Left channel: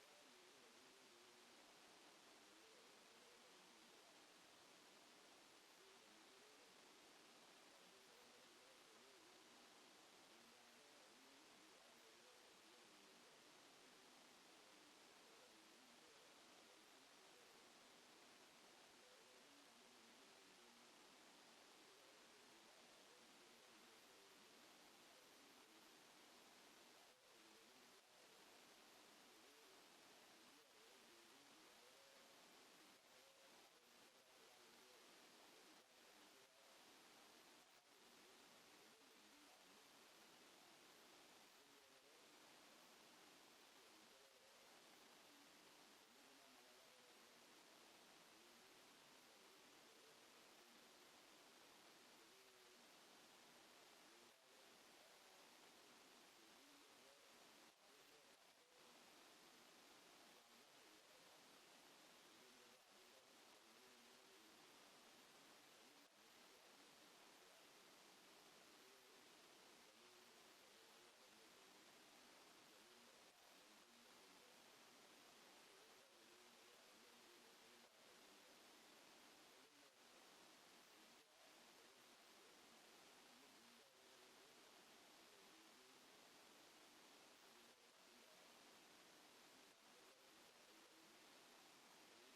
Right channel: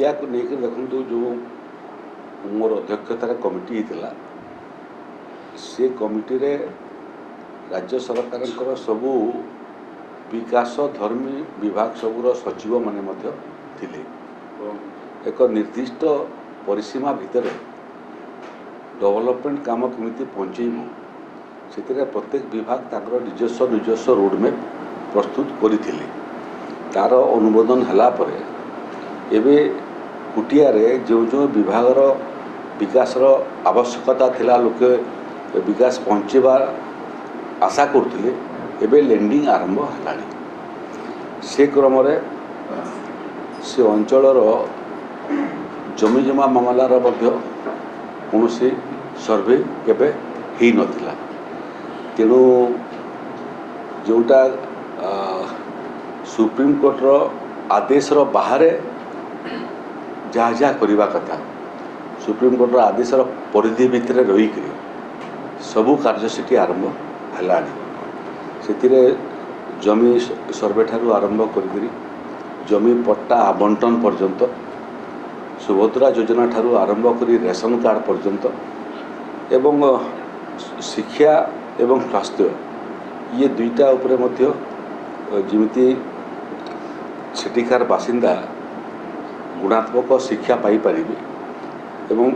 Media को लेकर देखो जो मोर अध्यक्षतार कमिटी होता से कमिटी रे राज्य सरकार सबू विकास धर्मी विभाग सबूर सचिव माने मध्य थिले। एक निर्दिष्ट परिसीमा भितर डेवलपमेंट काम केमिति पहुँचेबू से प्रत्येक विभाग ताकर निजस्व रोडमैप प्रस्तुत करथिले। तार अनुमोदन हला परे एबे कुटिया रे जो जो विभागर विकासर आवश्यकता थिला लोके विकास पहुँचेबा आशा करथिले एबे लैंडिंग आरंभ हलानी। से क्रम रे से अंचलर जमी जमा मामलार मध्य कौनसी सर्वे केबे ही नथिला। तेणु जोटा सुप्रीम कोर्टर आदेश बाहर जहाँ जहाँ करवा कथा सुप्रीम कोर्टर आदेश परिधि भितर रहीक सबू कार्य सेठी आरंभ हलानी। से जमी सर्वे ठारू आरंभ करी जमी पट्टा आवंटन पर्यंत सुभद्रा योजना ठारू आरंभ करी रेशन कार्ड पर्यंत एवं शिक्षा एवं स्वास्थ्य ये दुईटा उपरे मध्य जिमिति सेठिकार बासिंदा गुणात्मक शिक्षा पाई परिबे एवं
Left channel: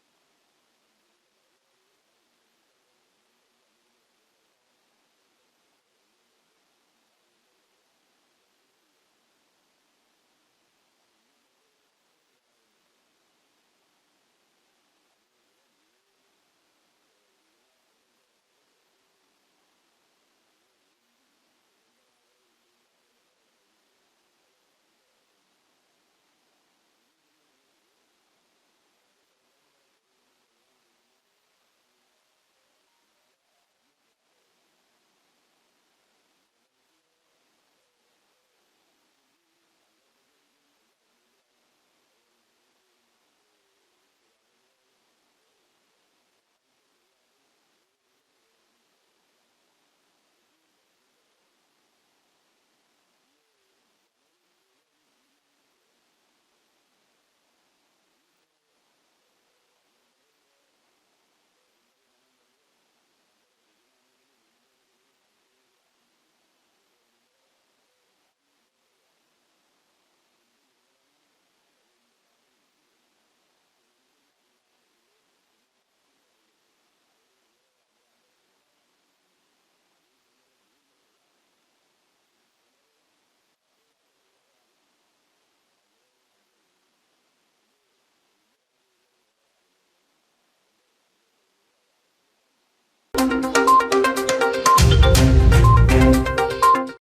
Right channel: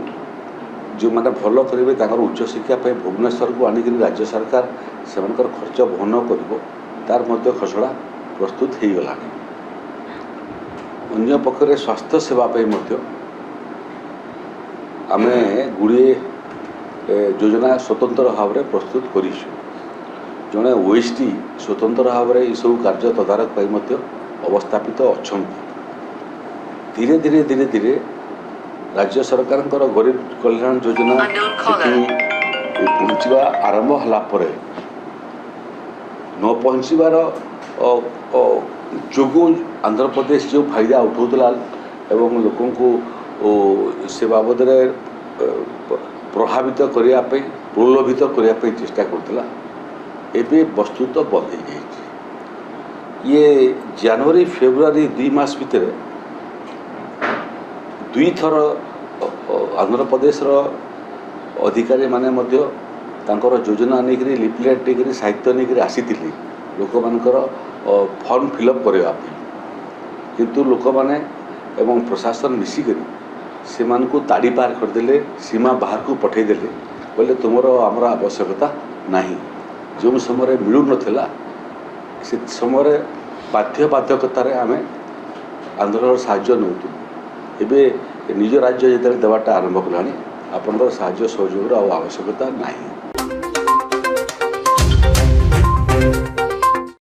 जो माने भल करेंगे ताकर उच्च शिक्षा पे भुवनेश्वर को आनिक राज्य सरकार से खर्च वहन कर तार मध्य खसड़ा प्रस्तुत हो गला। अन्य पक्षरे स्वास्थ्य सेवा पे मध्य आमे गुड़िए योजना स्वतंत्र भाव में प्रस्तुत करिछु। जड़े ओएसडी स्वतंत्र भाव में यह सब कार्य तदारक पाई मध्य अवस्थापित अच्छा। धीरे धीरे धीरे धीरे राज्य सरकार गरीब कल्याण योजना पहुँचवा आरंभ हला परे न पहुँचवार जो आंध्र प्रदेश जो फायदा उठाऊला एवं लोकों को से बाबद प्रभावित करने प्रलोभित करने चेष्टा करता एबे वस्तुत बंद हो जाए। ये जनवरी फेब्रुआरी 2 मास भितर 2 थर आंध्र प्रदेश अधिकारी माने मध्य तांकर योजना नहीं लिफलेट नहीं साहित्य नहीं आसी लोक मानकर फॉर्म फिलअप करने किंतु लोक माने एवं प्रशासन मिसिक से मानकु ताड़ी पार करदे सीमा बाहर को पठेदेले बोले तुमर आमर आवश्यकता नहीं। जो समय मिलू नथिला से समय बाध्यकतार आम आंध्र साहाय्य नौतु एबे निज राज्य जो देवाटा आरंभ कला आपंकर साहाय्य सहयोग आवश्यकता नहीं।